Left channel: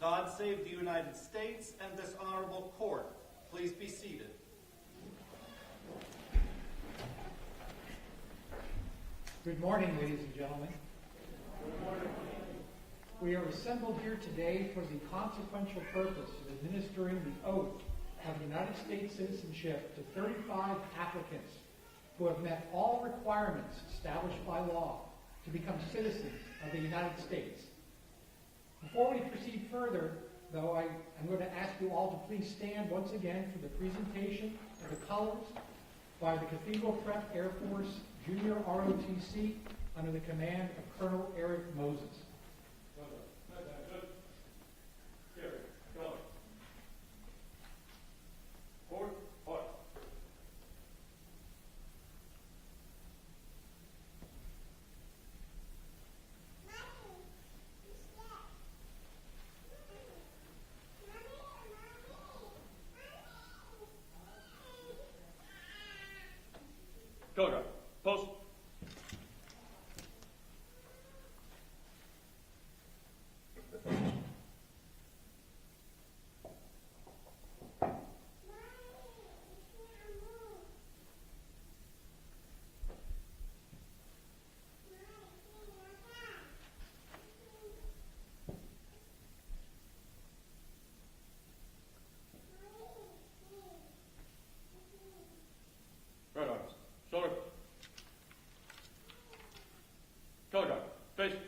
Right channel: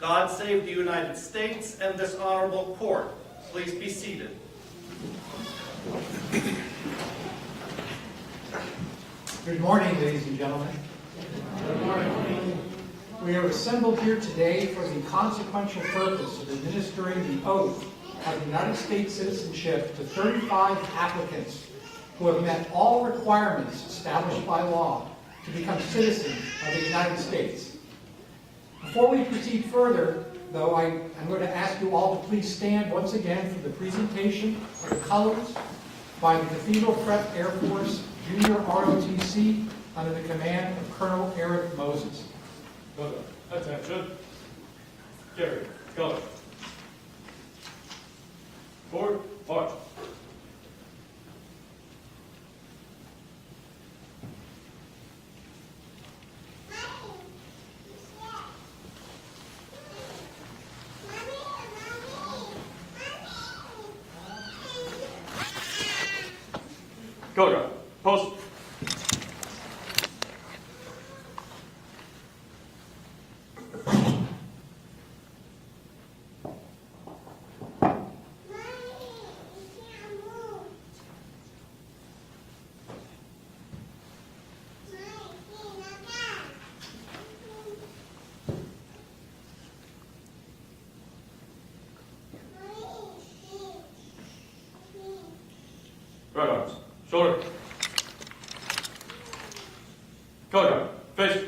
God save the United States and this honorable court. Please be seated. Good morning, ladies and gentlemen. Good morning. We are assembled here today for the consequential purpose of administering the oath of United States citizenship to 35 applicants who have met all requirements established by law to become citizens of the United States. Before we proceed further, though, I'm going to ask you all to please stand once again for the presentation of the colors by the Cathedral Prep Air Force Junior ROTC under the command of Colonel Eric Moses. Attention. Gary, color. Forward, march. Go, post. Right arms, shoulder. Color guard, face.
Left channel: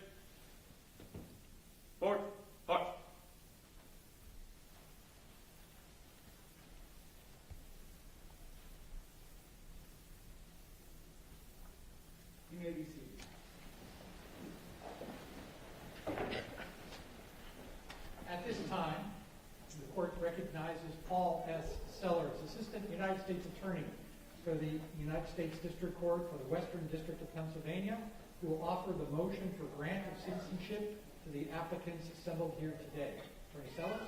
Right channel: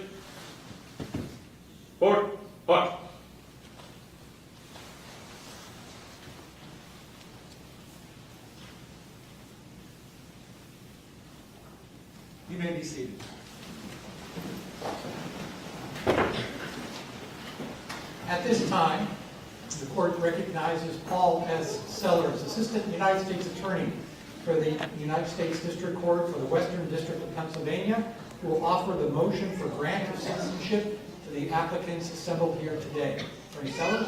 Forward, march. You may be seated. At this time, the court recognizes Paul S. Sellers, Assistant United States Attorney for the United States District Court for the Western District of Pennsylvania, who will offer the motion for grant of citizenship to the applicants assembled here today. Attorney Sellers?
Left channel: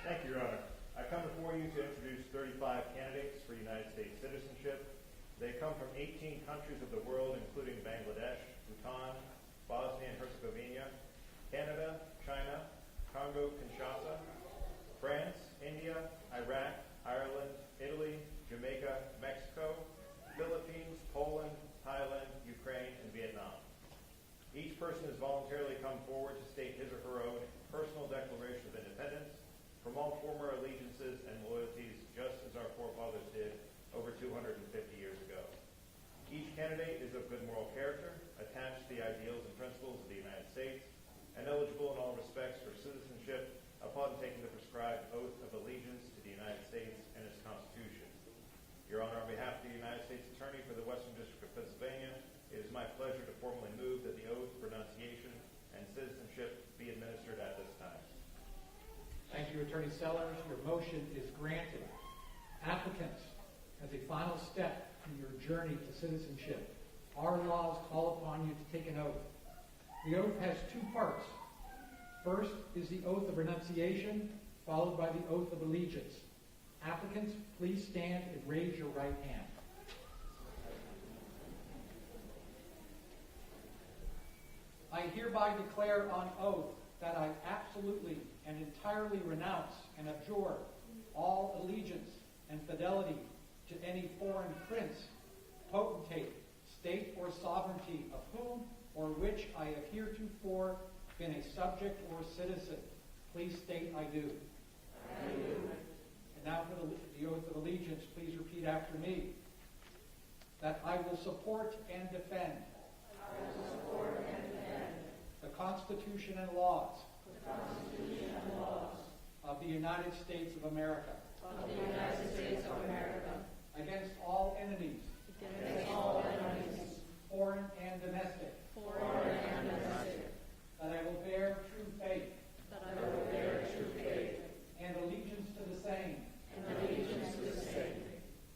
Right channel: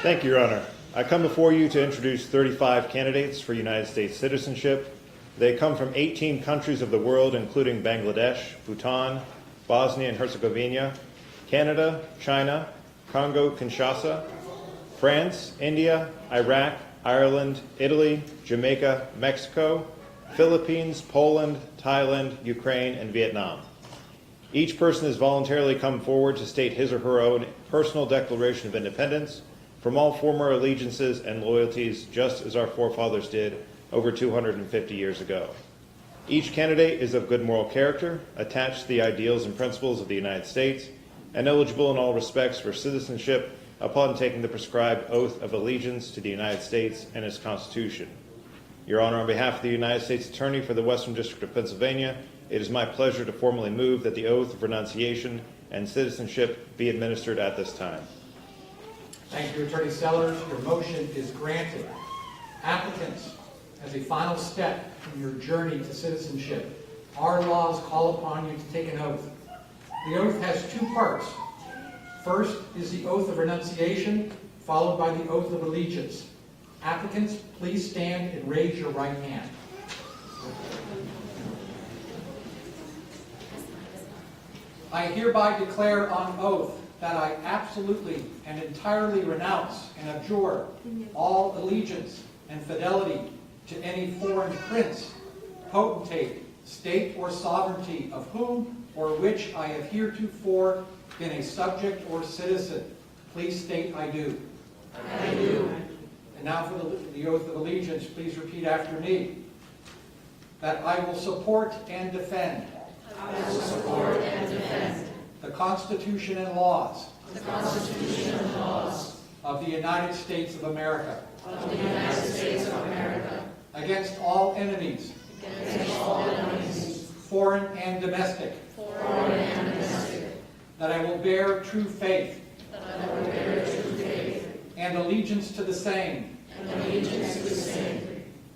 Thank you, Your Honor. I come before you to introduce 35 candidates for United States citizenship. They come from 18 countries of the world, including Bangladesh, Bhutan, Bosnia and Herzegovina, Canada, China, Congo, Kinshasa, France, India, Iraq, Ireland, Italy, Jamaica, Mexico, Philippines, Poland, Thailand, Ukraine, and Vietnam. Each person has voluntarily come forward to state his or her own personal declaration of independence from all former allegiances and loyalties, just as our forefathers did over 250 years ago. Each candidate is of good moral character, attached to the ideals and principles of the United States, and eligible in all respects for citizenship upon taking the prescribed oath of allegiance to the United States and its Constitution. Your Honor, on behalf of the United States Attorney for the Western District of Pennsylvania, it is my pleasure to formally move that the oath of renunciation and citizenship be administered at this time. Thank you, Attorney Sellers. Your motion is granted. Applicants, as a final step in your journey to citizenship, our laws call upon you to take an oath. The oath has two parts. First is the oath of renunciation, followed by the oath of allegiance. Applicants, please stand and raise your right hand. I hereby declare on oath that I absolutely and entirely renounce and abjure all allegiance and fidelity to any foreign prince, potentate, state, or sovereignty of whom or which I have heretofore been a subject or citizen. Please state, I do. I do. And now for the oath of allegiance, please repeat after me. That I will support and defend. I will support and defend. The Constitution and laws. The Constitution and laws. Of the United States of America. Of the United States of America. Against all enemies. Against all enemies. Foreign and domestic. Foreign and domestic. That I will bear true faith. That I will bear true faith. And allegiance to the same. And allegiance to the same.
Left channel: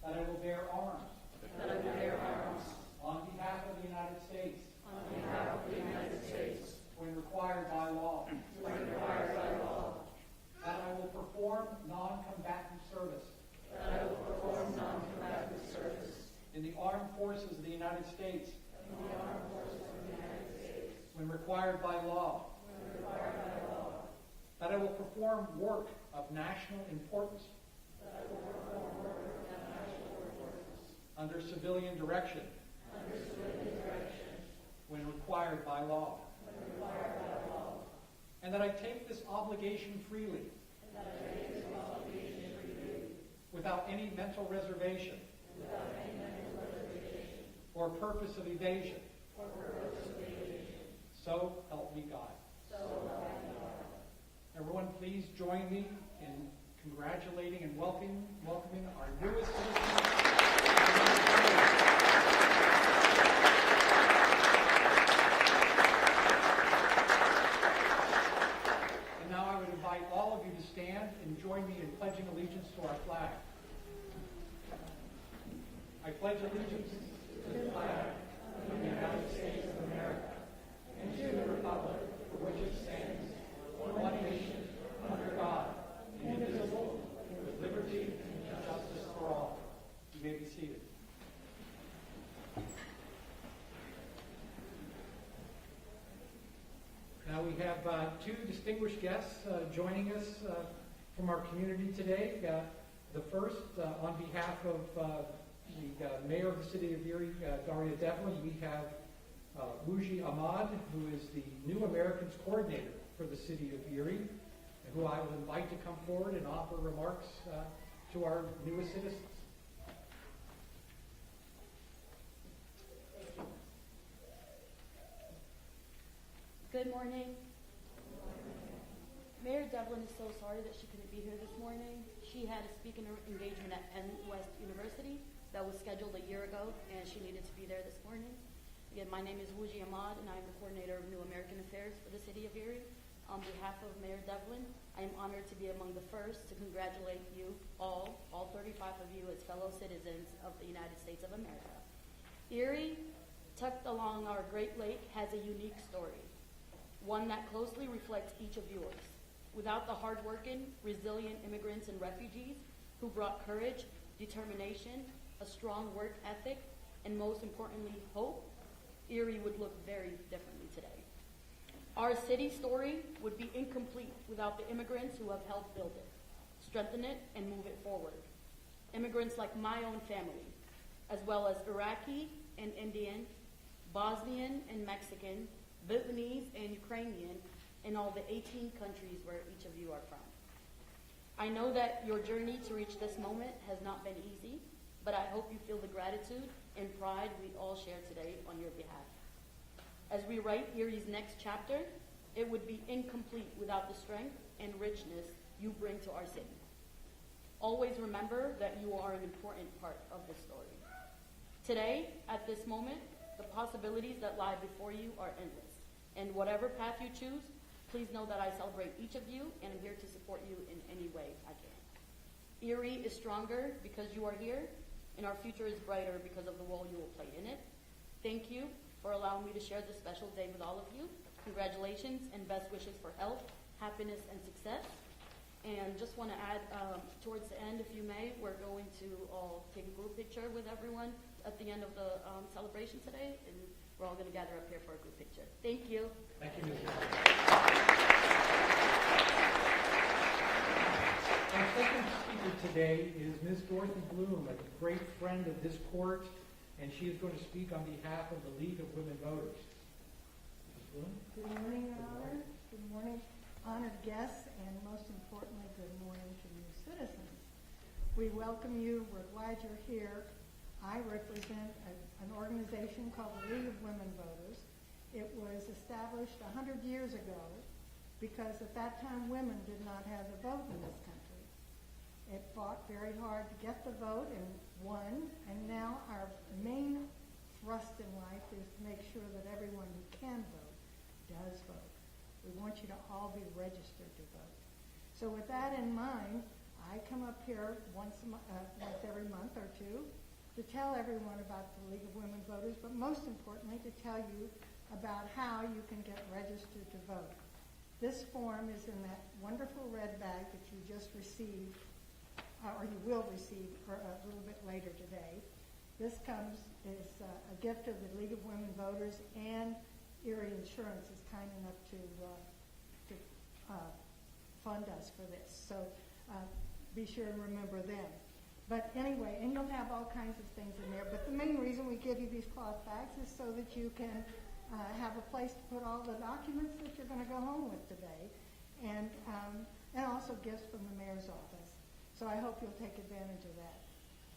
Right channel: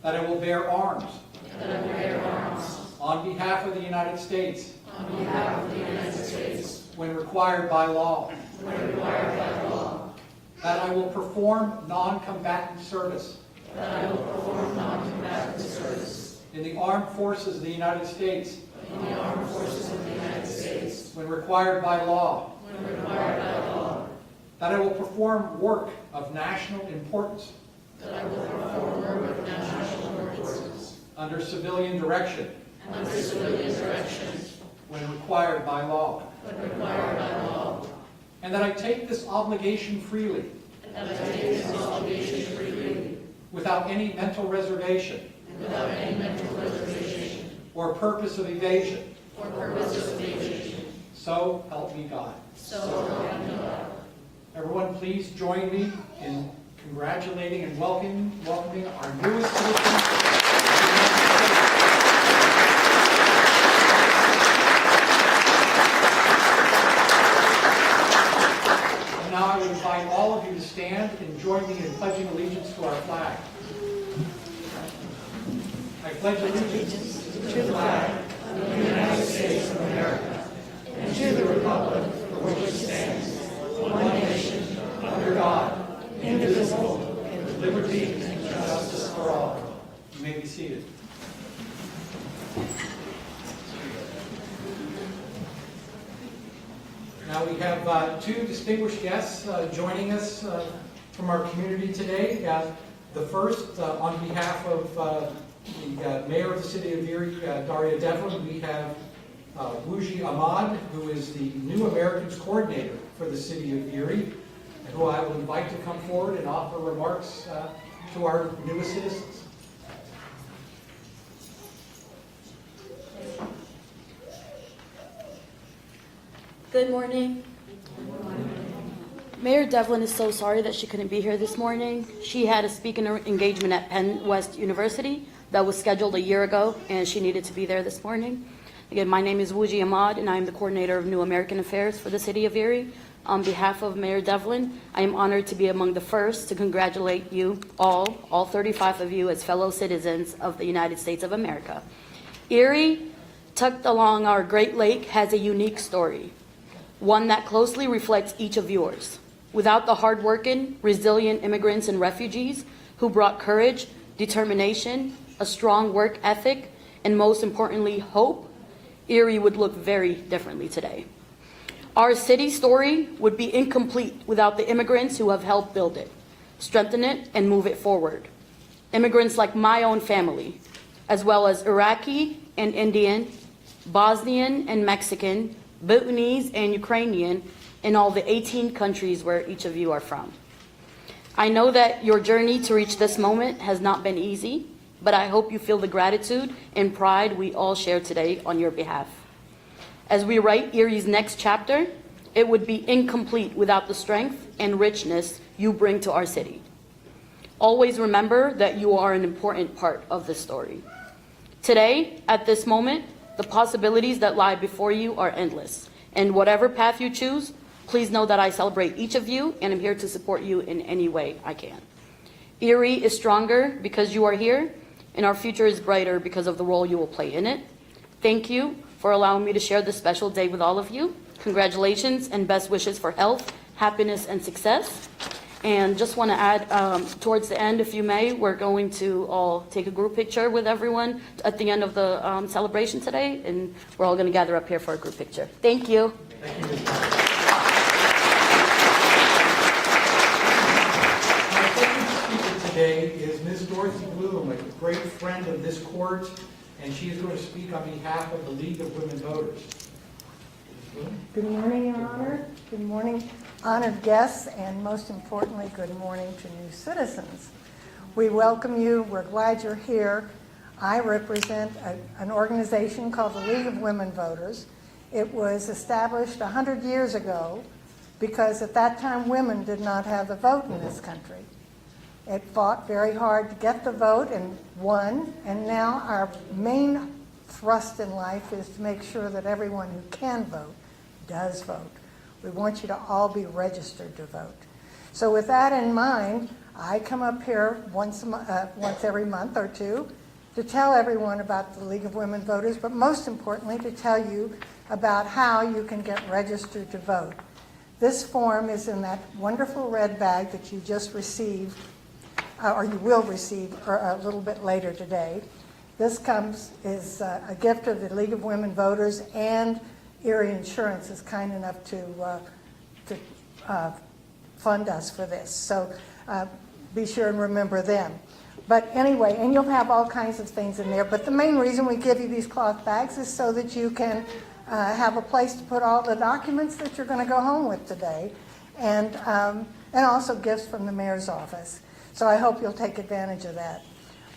That I will bear arms. That I will bear arms. On behalf of the United States. On behalf of the United States. When required by law. When required by law. That I will perform non-combatant service. That I will perform non-combatant service. In the armed forces of the United States. In the armed forces of the United States. When required by law. When required by law. that I will perform work of national importance that I will perform work of national importance under civilian direction under civilian direction when required by law, when required by law, and that I take this obligation freely and that I take this obligation freely without any mental reservation without any mental reservation or purpose of evasion. or purpose of evasion. So help me God. So help me God. Everyone, please join me in congratulating and welcoming our newest citizens. And now I would invite all of you to stand and join me in pledging allegiance to our flag. I pledge allegiance To the flag of the United States of America and to the republic for which it stands, one nation, under God, indivisible, with liberty and justice for all. You may be seated. Now we have two distinguished guests joining us from our community today. The first, on behalf of the Mayor of the City of Erie, Daria Devlin, we have Wuji Ahmad, who is the New Americans Coordinator for the City of Erie, and who I will invite to come forward and offer remarks to our newest citizens. Good morning. Mayor Devlin is so sorry that she couldn't be here this morning. She had a speaking engagement at Penn West University that was scheduled a year ago, and she needed to be there this morning. Again, my name is Wuji Ahmad, and I am the coordinator of New American Affairs for the City of Erie. On behalf of Mayor Devlin, I am honored to be among the first to congratulate you all 35 of you as fellow citizens of the United States of America. Erie, tucked along our Great Lake, has a unique story, one that closely reflects each of yours. Without the hardworking, resilient immigrants and refugees who brought courage, determination, a strong work ethic, and most importantly, hope, Erie would look very differently today. Our city story would be incomplete without the immigrants who have helped build it, strengthen it, and move it forward. Immigrants like my own family, as well as Iraqi and Indian, Bosnian and Mexican, Bhutanese and Ukrainian, in all the 18 countries where each of you are from. I know that your journey to reach this moment has not been easy, but I hope you feel the gratitude and pride we all share today on your behalf. As we write Erie's next chapter, it would be incomplete without the strength and richness you bring to our city. Always remember that you are an important part of this story. Today, at this moment, the possibilities that lie before you are endless, and whatever path you choose, please know that I celebrate each of you and am here to support you in any way I can. Erie is stronger because you are here, and our future is brighter because of the role you will play in it. Thank you for allowing me to share this special day with all of you. Congratulations and best wishes for health, happiness, and success. And just want to add, towards the end, if you may, we're going to all take a group picture with everyone at the end of the celebration today, and we're all going to gather up here for a group picture. Thank you. Thank you. My second speaker today is Ms. Dorothy Bloom, a great friend of this court, and she is going to speak on behalf of the League of Women Voters. Good morning, Your Honor. Good morning, honored guests, and most importantly, good morning to new citizens. We welcome you. We're glad you're here. I represent an organization called the League of Women Voters. It was established 100 years ago because at that time women did not have the vote in this country. It fought very hard to get the vote and won, and now our main thrust in life is to make sure that everyone who can vote does vote. We want you to all be registered to vote. So with that in mind, I come up here once every month or two to tell everyone about the League of Women Voters, but most importantly to tell you about how you can get registered to vote. This form is in that wonderful red bag that you just received, or you will receive a little bit later today. This is a gift of the League of Women Voters, and Erie Insurance is kind enough to fund us for this. So be sure and remember them. But anyway, and you'll have all kinds of things in there. But the main reason we give you these cloth bags is so that you can have a place to put all the documents that you're going to go home with today, and also gifts from the mayor's office. So I hope you'll take advantage of that.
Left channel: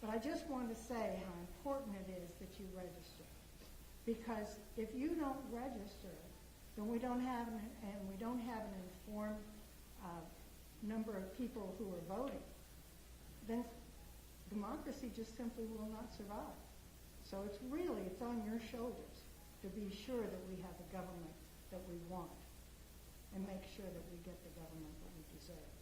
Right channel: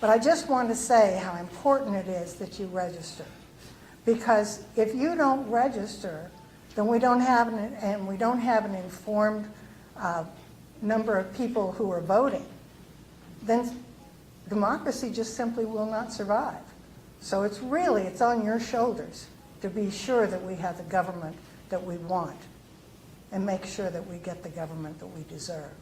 But I just want to say how important it is that you register. Because if you don't register, then we don't have an informed number of people who are voting, then democracy just simply will not survive. So it's on your shoulders to be sure that we have the government that we want and make sure that we get the government that we deserve.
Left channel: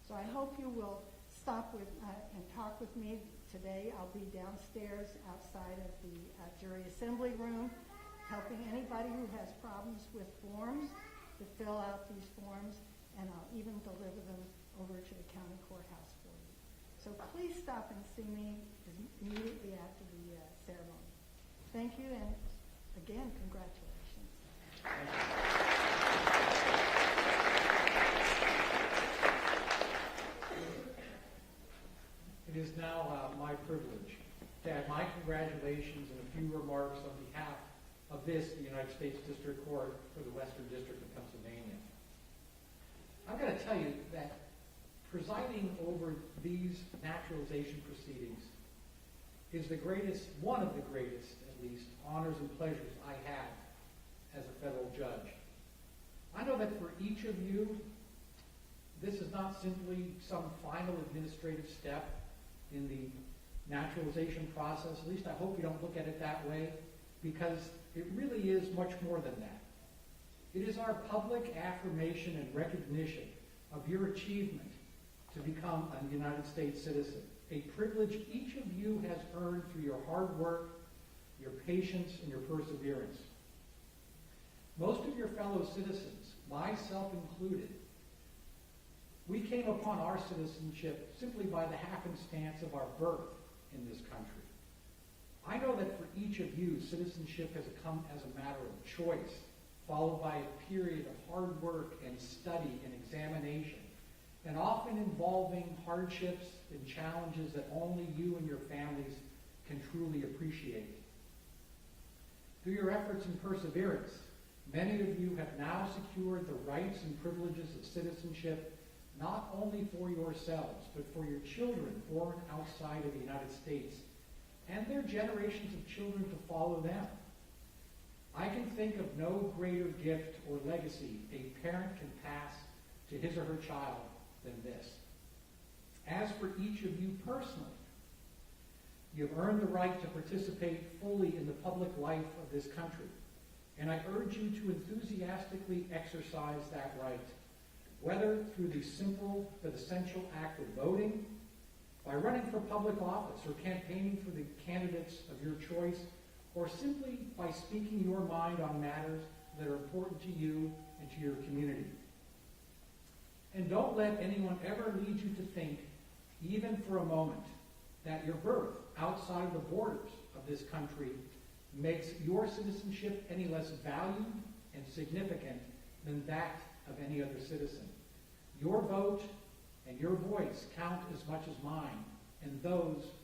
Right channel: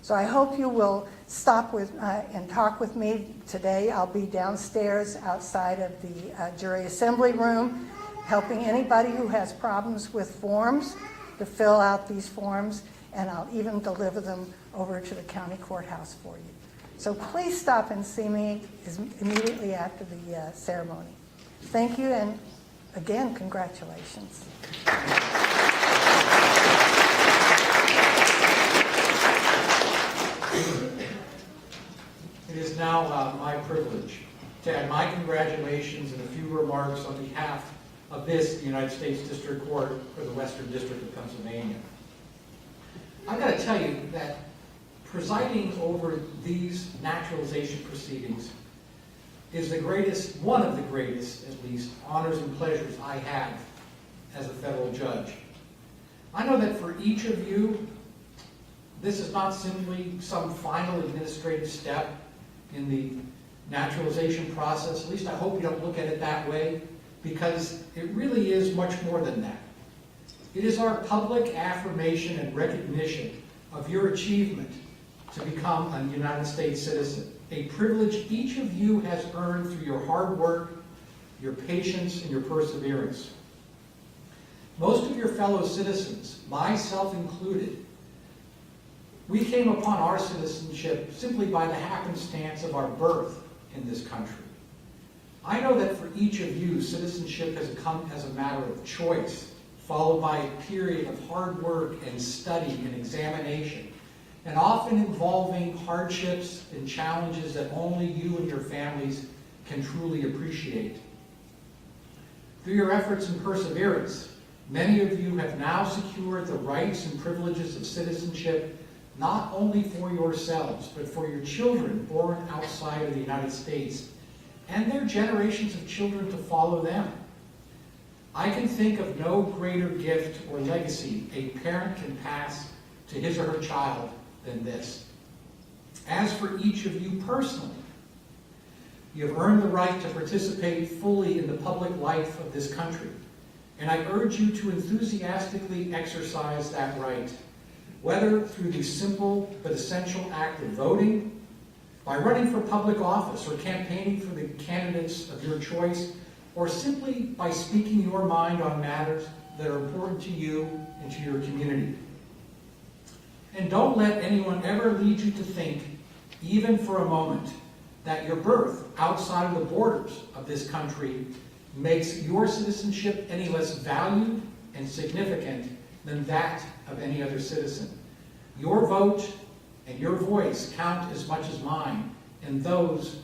So I hope you will stop with and talk with me today. I'll be downstairs outside of the jury assembly room, helping anybody who has problems with forms to fill out these forms, and I'll even deliver them over to the county courthouse for you. So please stop and see me immediately after the ceremony. Thank you, and again, congratulations. It is now my privilege to add my congratulations and a few remarks on behalf of the United States District Court for the Western District of Pennsylvania. I've got to tell you that presiding over these naturalization proceedings is one of the greatest, at least, honors and pleasures I have as a federal judge. I know that for each of you, this is not simply some final administrative step in the naturalization process. At least I hope you don't look at it that way, because it really is much more than that. It is our public affirmation and recognition of your achievement to become a United States citizen, a privilege each of you has earned through your hard work, your patience, and your perseverance. Most of your fellow citizens, myself included, we came upon our citizenship simply by the happenstance of our birth in this country. I know that for each of you, citizenship has come as a matter of choice, followed by a period of hard work and study and examination, and often involving hardships and challenges that only you and your families can truly appreciate. Through your efforts and perseverance, many of you have now secured the rights and privileges of citizenship, not only for yourselves, but for your children born outside of the United States and their generations of children to follow them. I can think of no greater gift or legacy a parent can pass to his or her child than this. As for each of you personally, you have earned the right to participate fully in the public life of this country, and I urge you to enthusiastically exercise that right, whether through the simple but essential act of voting, by running for public office or campaigning for the candidates of your choice, or simply by speaking your mind on matters that are important to you and to your community. And don't let anyone ever lead you to think, even for a moment, that your birth outside of the borders of this country makes your citizenship any less valued and significant than that of any other citizen. Your vote and your voice count as much as mine and those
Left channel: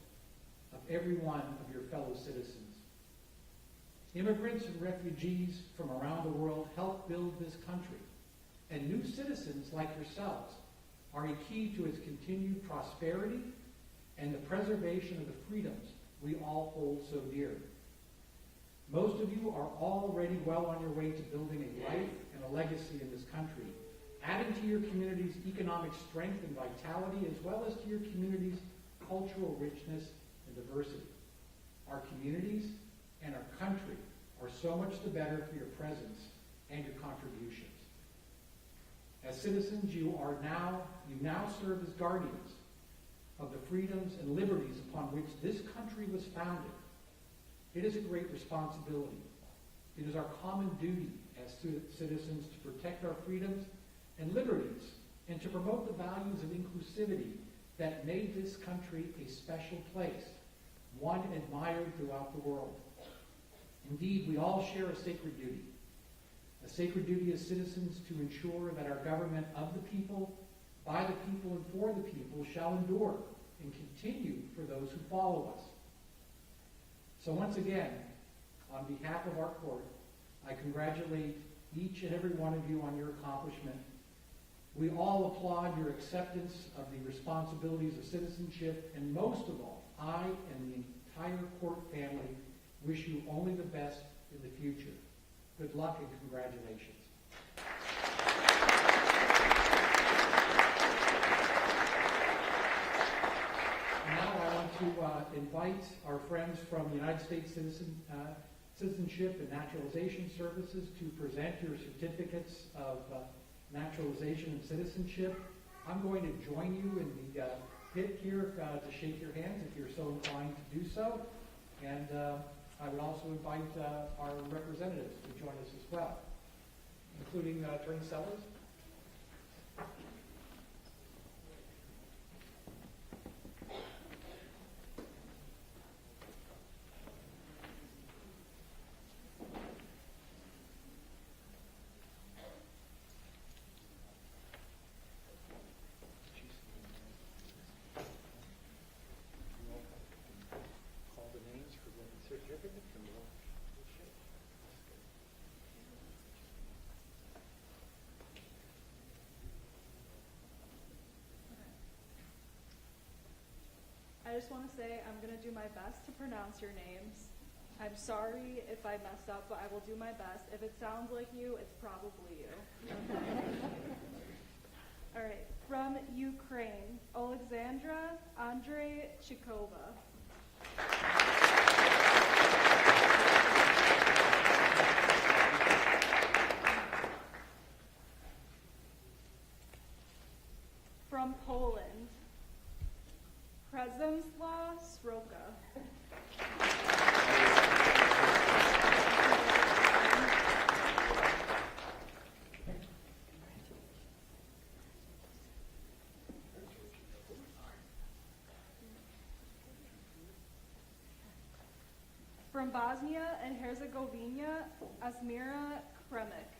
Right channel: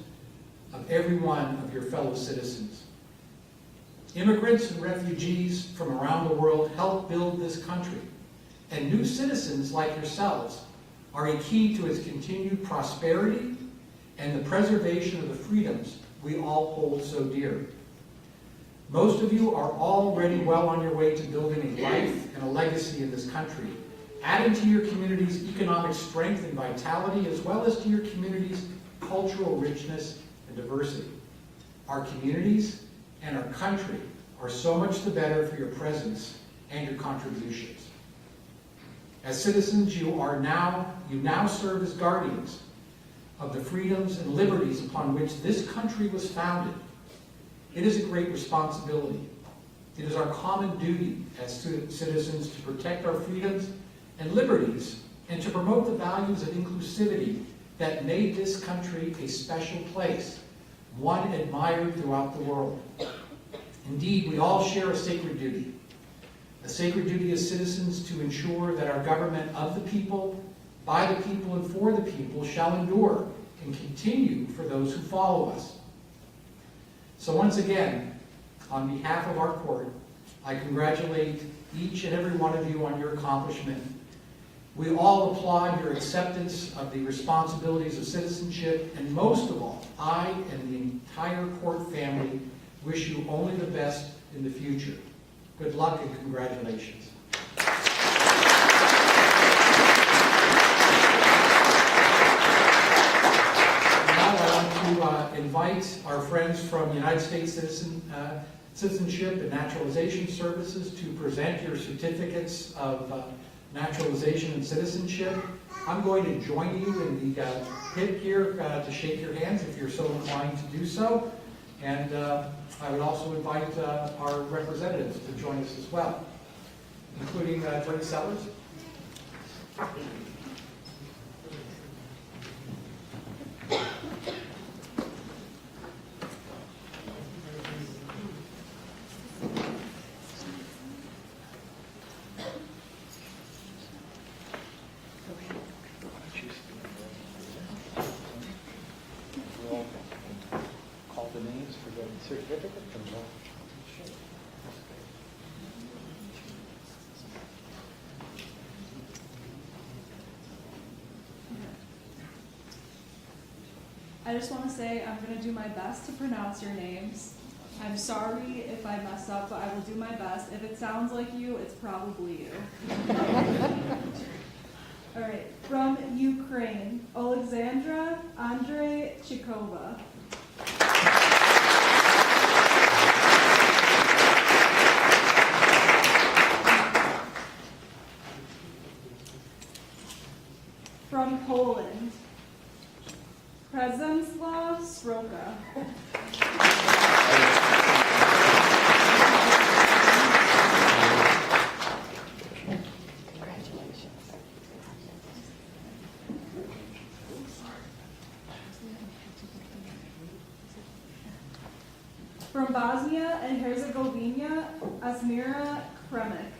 of every one of your fellow citizens. Immigrants and refugees from around the world help build this country, and new citizens like yourselves are a key to its continued prosperity and the preservation of the freedoms we all hold so dear. Most of you are already well on your way to building a life and a legacy in this country, adding to your community's economic strength and vitality, as well as to your community's cultural richness and diversity. Our communities and our country are so much the better for your presence and your contributions. As citizens, you now serve as guardians of the freedoms and liberties upon which this country was founded. It is a great responsibility. It is our common duty as citizens to protect our freedoms and liberties and to promote the values of inclusivity that made this country a special place, one admired throughout the world. Indeed, we all share a sacred duty. a sacred duty as citizens to ensure that our government of the people, by the people, and for the people shall endure and continue for those who follow us. So once again, on behalf of our court, I congratulate each and every one of you on your accomplishment. We all applaud your acceptance of the responsibilities of citizenship, and most of all, I and the entire court family wish you only the best in the future. Good luck and congratulations. Now I want to invite our friends from United States Citizenship and Naturalization Services to present your certificates of naturalization and citizenship. I'm going to join you in the pit here to shake your hands if you're so inclined to do so. And I would also invite our representatives to join us as well, including Attorney Sellers. Call the names for the certificate from the I just want to say I'm going to do my best to pronounce your names. I'm sorry if I mess up, but I will do my best. If it sounds like you, it's probably you. All right. From Ukraine, Alexandra Andreychikova. From Poland, Przemysław Sroka. From Bosnia and Herzegovina, Asmira Kremek.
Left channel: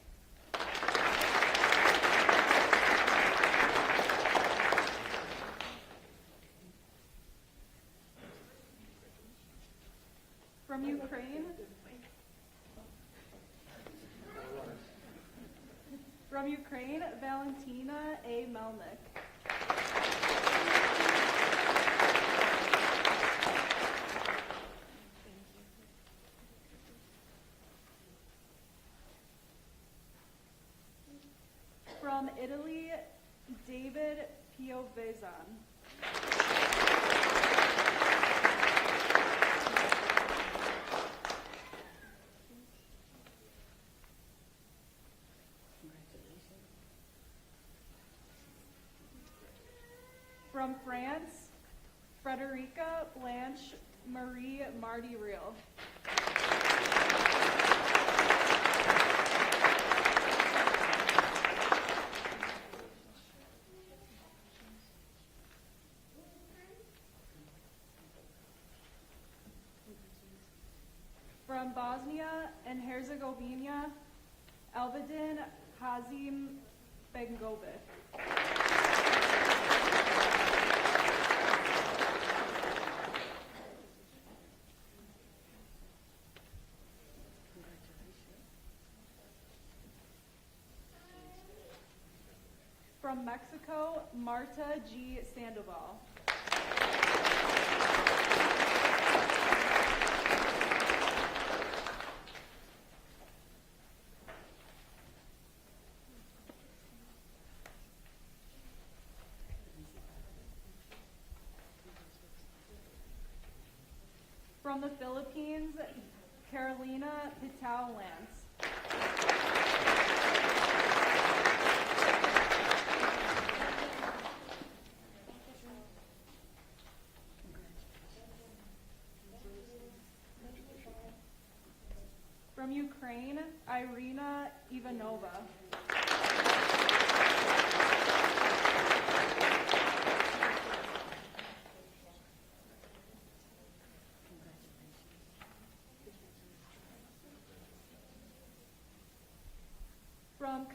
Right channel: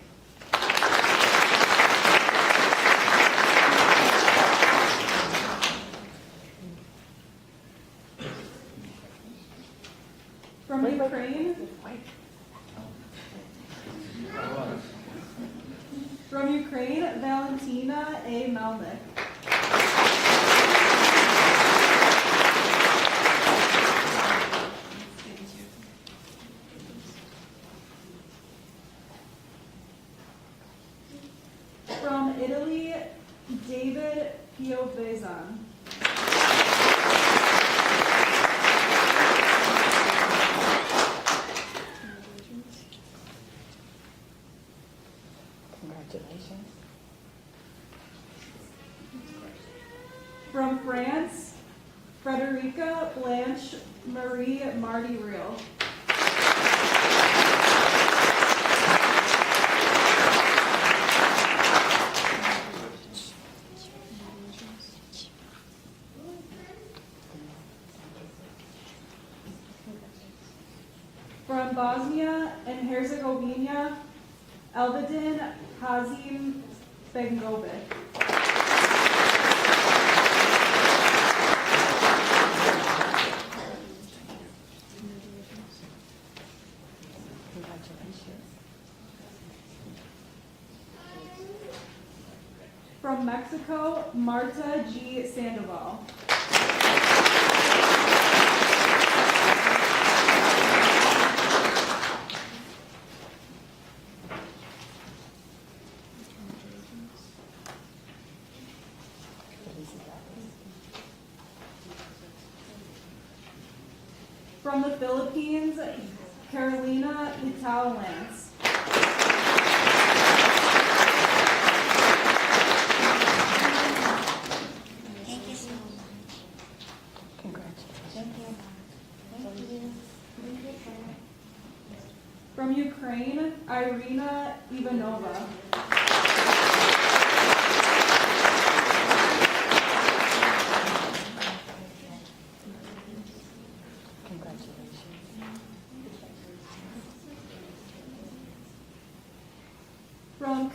From Ukraine, Valentina A. Melnick. From Italy, David Piovesan. Congratulations. From France, Frederica Blanche Marie Marty Real. From Bosnia and Herzegovina, Elvedin Hazim Bengovic. From Mexico, Marta G. Sandoval. From the Philippines, Carolina Itao Lance. From Ukraine, Irina Ivanova.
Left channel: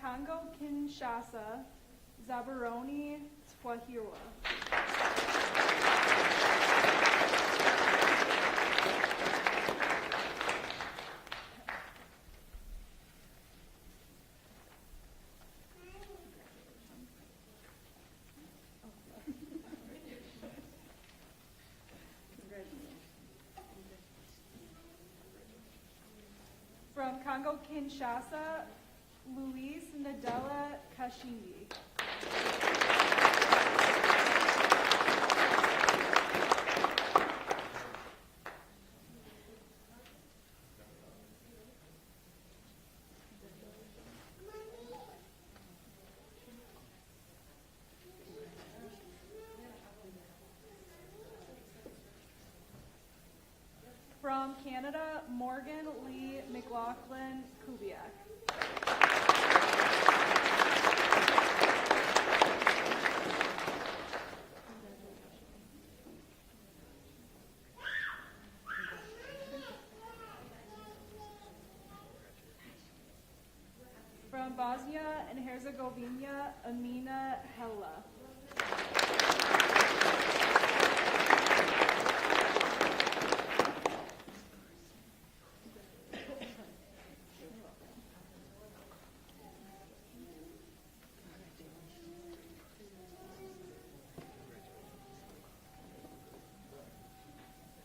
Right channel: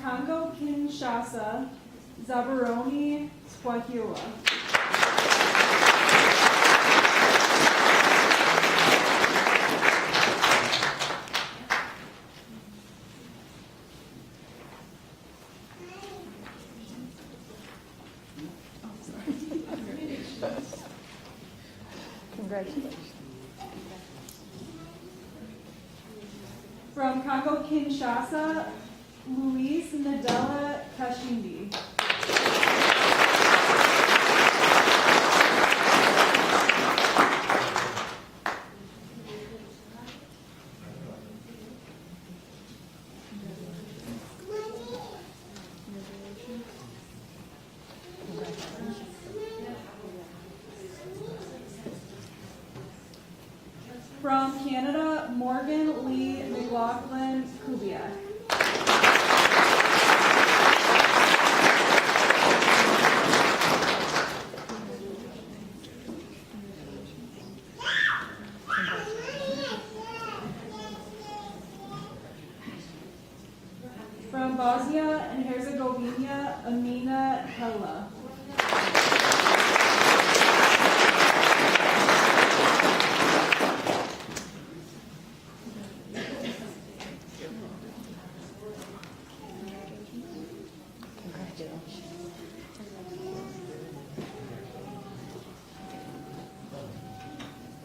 Congo Kinshasa, Zabaroni Swahila. Congratulations. From Congo Kinshasa, Luis Nadella Kashindi. From Canada, Morgan Lee McLaughlin Kubiak. From Bosnia and Herzegovina, Amina Hella.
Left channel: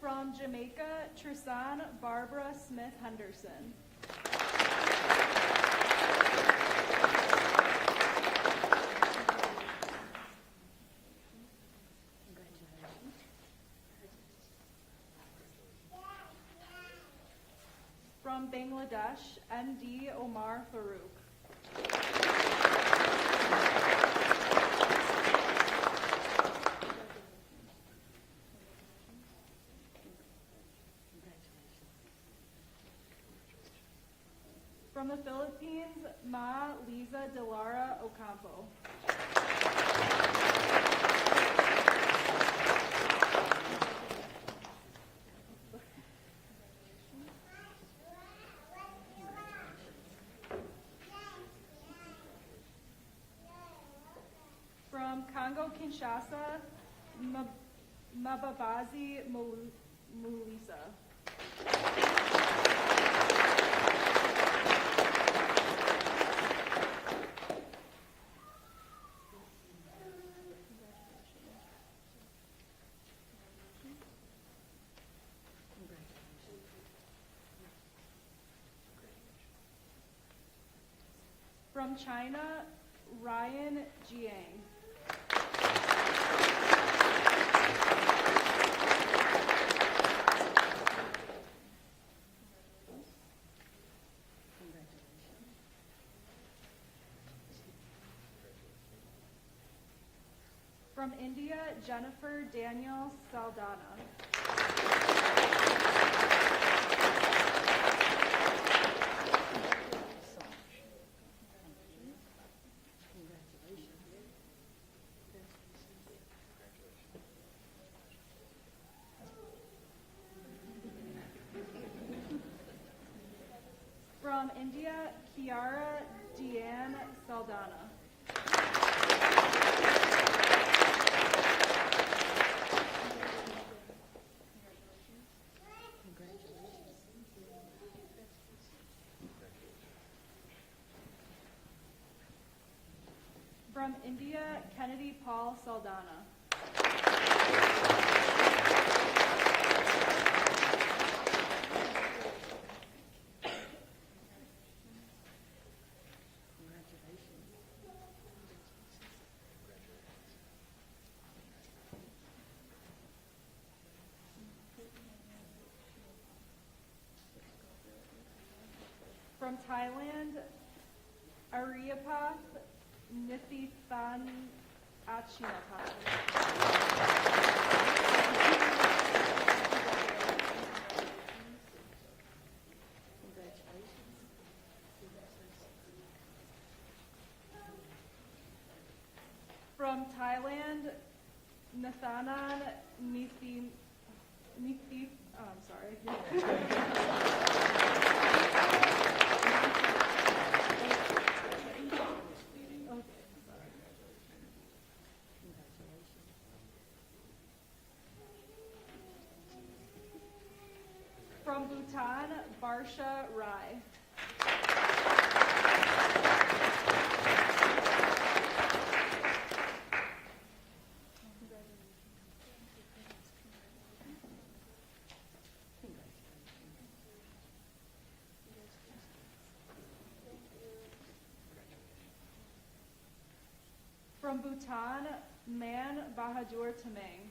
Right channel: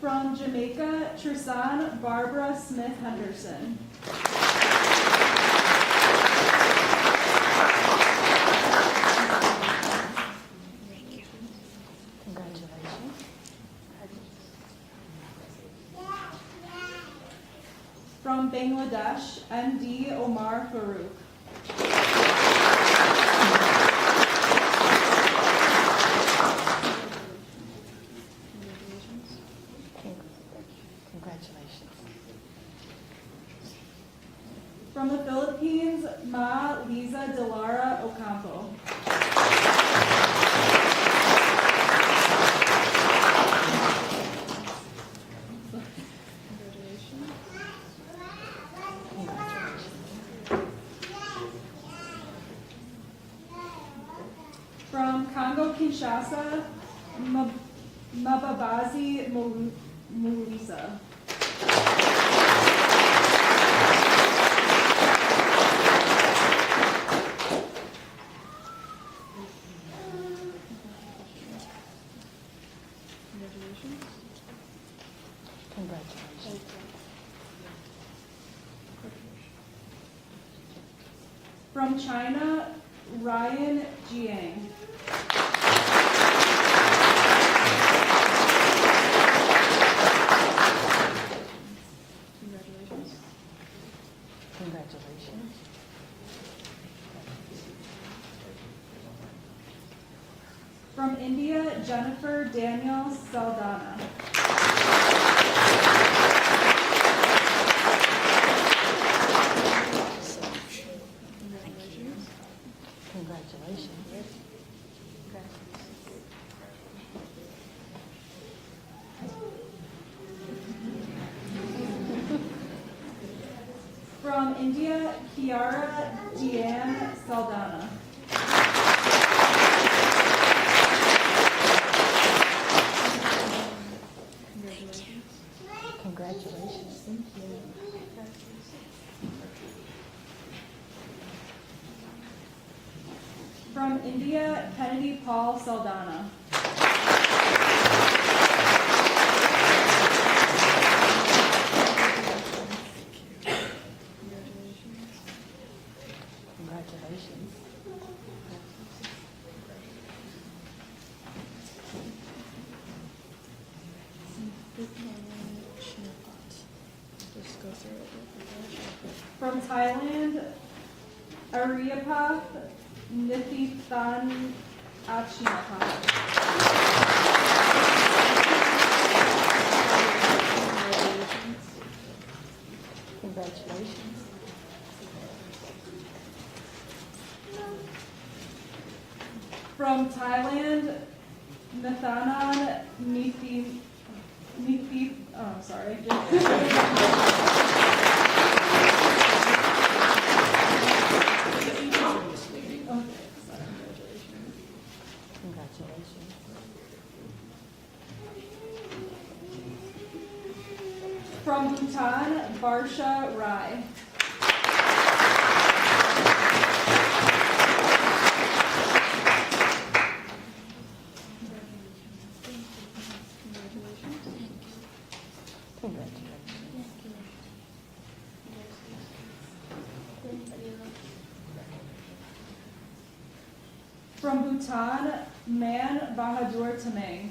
From Jamaica, Tristan Barbara Smith Henderson. From Bangladesh, MD Omar Farouk. Congratulations. From the Philippines, Ma Liza Delara Ocampo. From Congo Kinshasa, Mababazi Mulisa. Congratulations. From China, Ryan Jiang. Congratulations. From India, Jennifer Daniel Saldana. Congratulations. From India, Kiara Deanne Saldana. Congratulations. From India, Kennedy Paul Saldana. Congratulations. From Thailand, Ariapath Nithithan Achinapath. Congratulations. From Thailand, Nathanan sorry. Portia Rye. From Bhutan, Man Bahadur Tamang.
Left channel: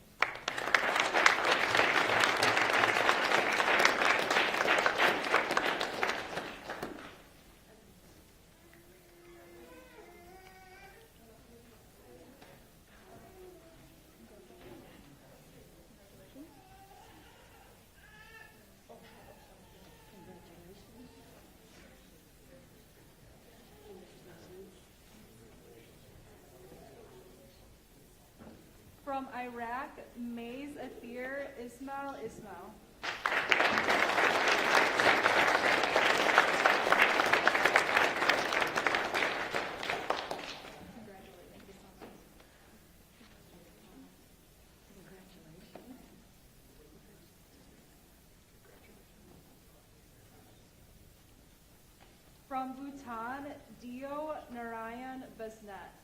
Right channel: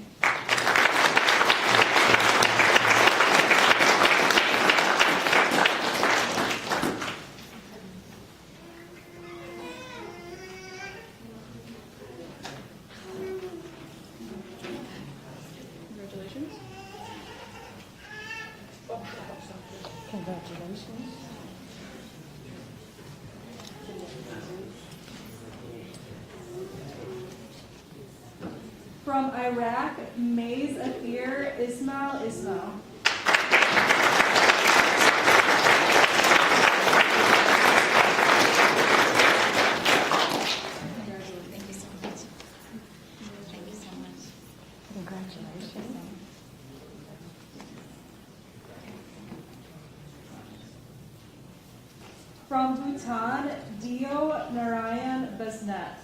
Congratulations. Congratulations. From Iraq, Maze Athir Ismail Ismail. Thank you so much. Thank you so much. Congratulations. From Bhutan, Dio Narayan Basnet.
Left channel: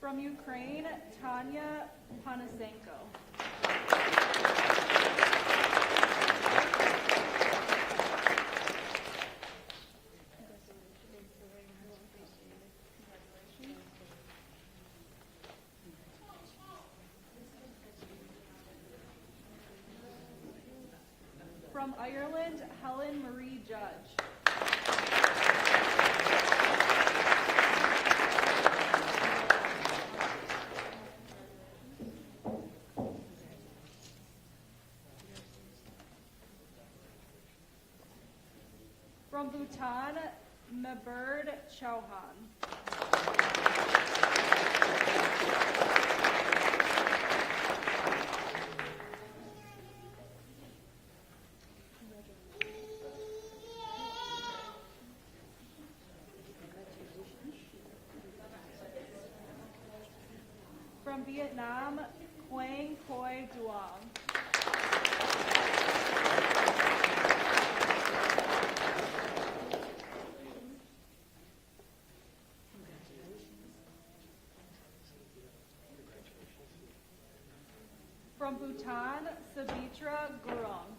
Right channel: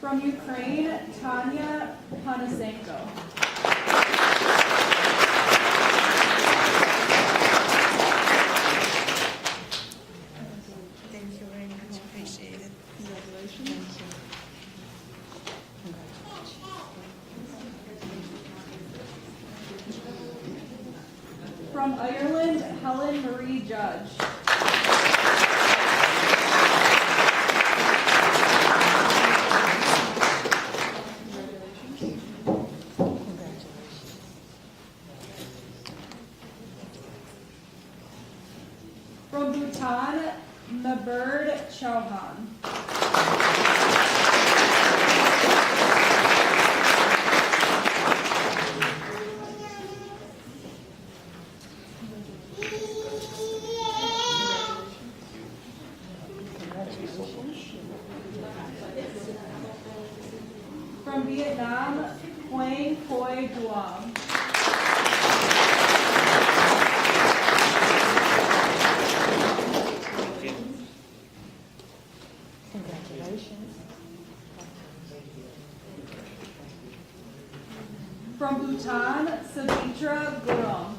From Ukraine, Tanya Panasenko. Thank you very much. Appreciate it. Congratulations. From Ireland, Helen Marie Judge. From Bhutan, Nabird Chauhan. From Vietnam, Quang Khoi Duong. Congratulations. From Bhutan, Savitra Gurung.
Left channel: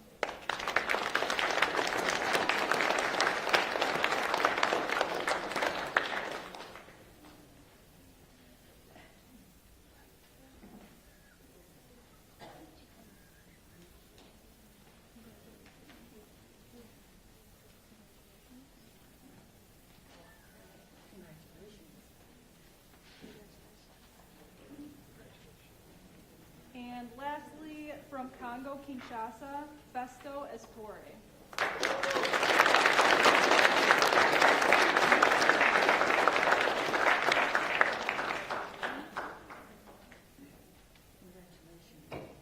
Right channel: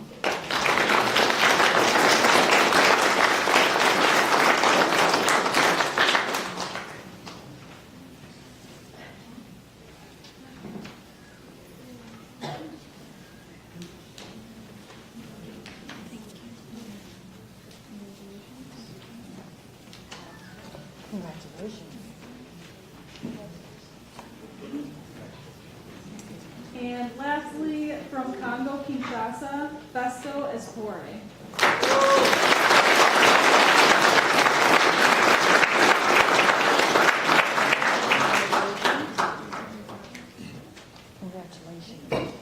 Congratulations. And lastly, from Congo, Kinshasa, Festo Espore. Congratulations.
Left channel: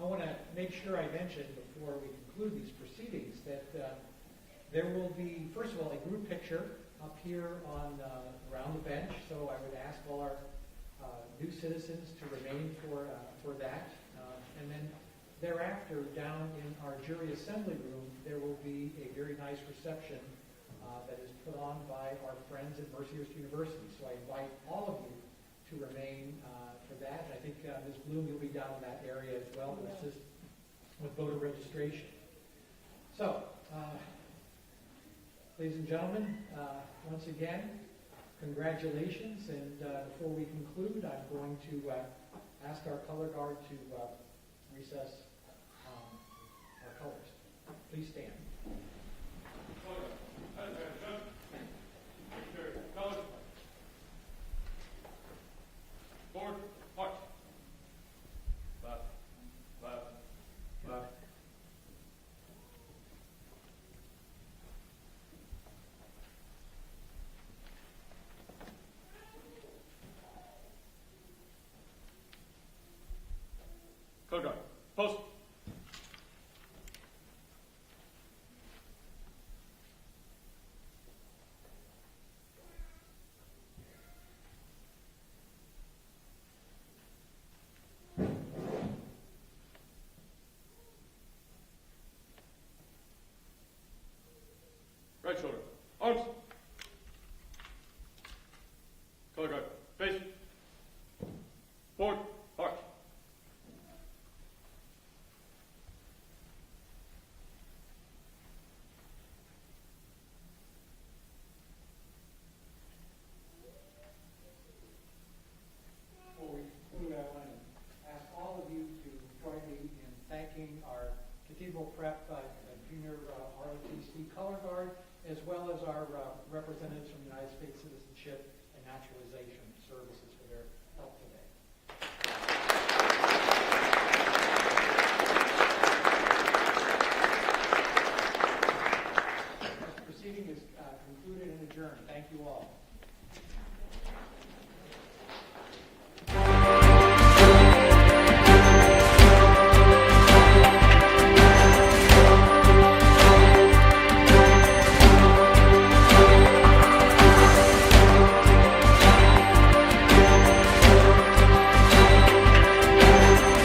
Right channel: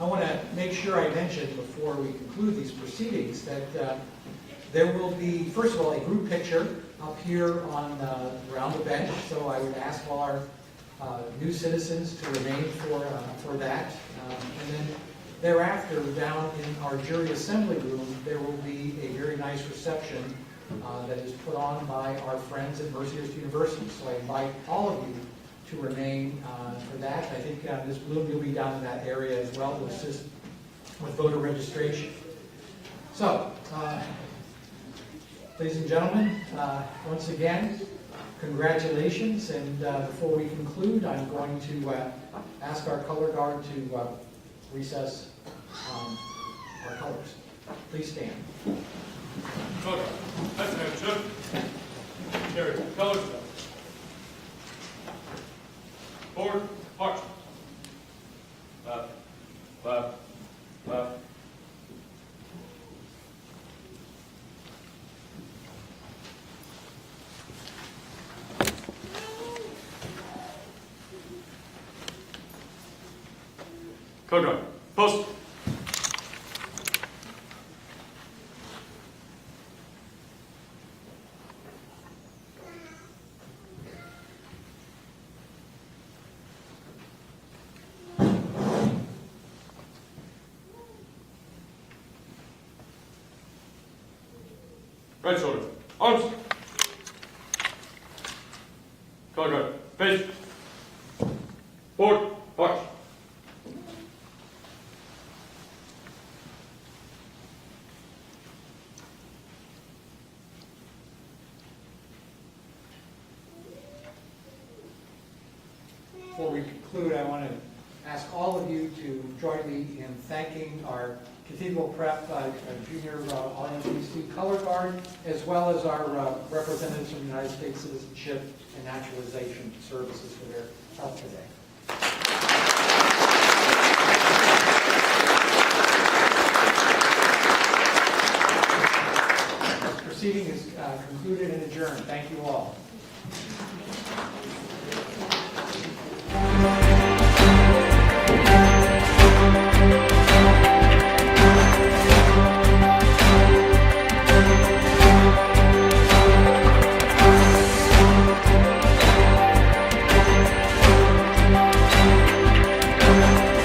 I want to make sure I mention before we conclude these proceedings that there will be, first of all, a group picture up here on around the bench. So I would ask all our new citizens to remain for that. And then thereafter, down in our jury assembly room, there will be a very nice reception that is put on by our friends at Mercyhurst University. So I invite all of you to remain for that. I think Ms. Bloom, you'll be down in that area as well to assist with voter registration. So, ladies and gentlemen, once again, congratulations. And before we conclude, I'm going to ask our color guard to recess our colors. Please stand. Shoulder. Attention. Carry. Colors. Forward. March. Left. Left. Left. Code red. Post. Right shoulder. Arms. Code red. Face. Forward. March. Before we conclude, I want to ask all of you to join me in thanking our Cathedral Prep Junior ROTC Color Guard, as well as our representatives from the United States Citizenship and Naturalization Services for their help today.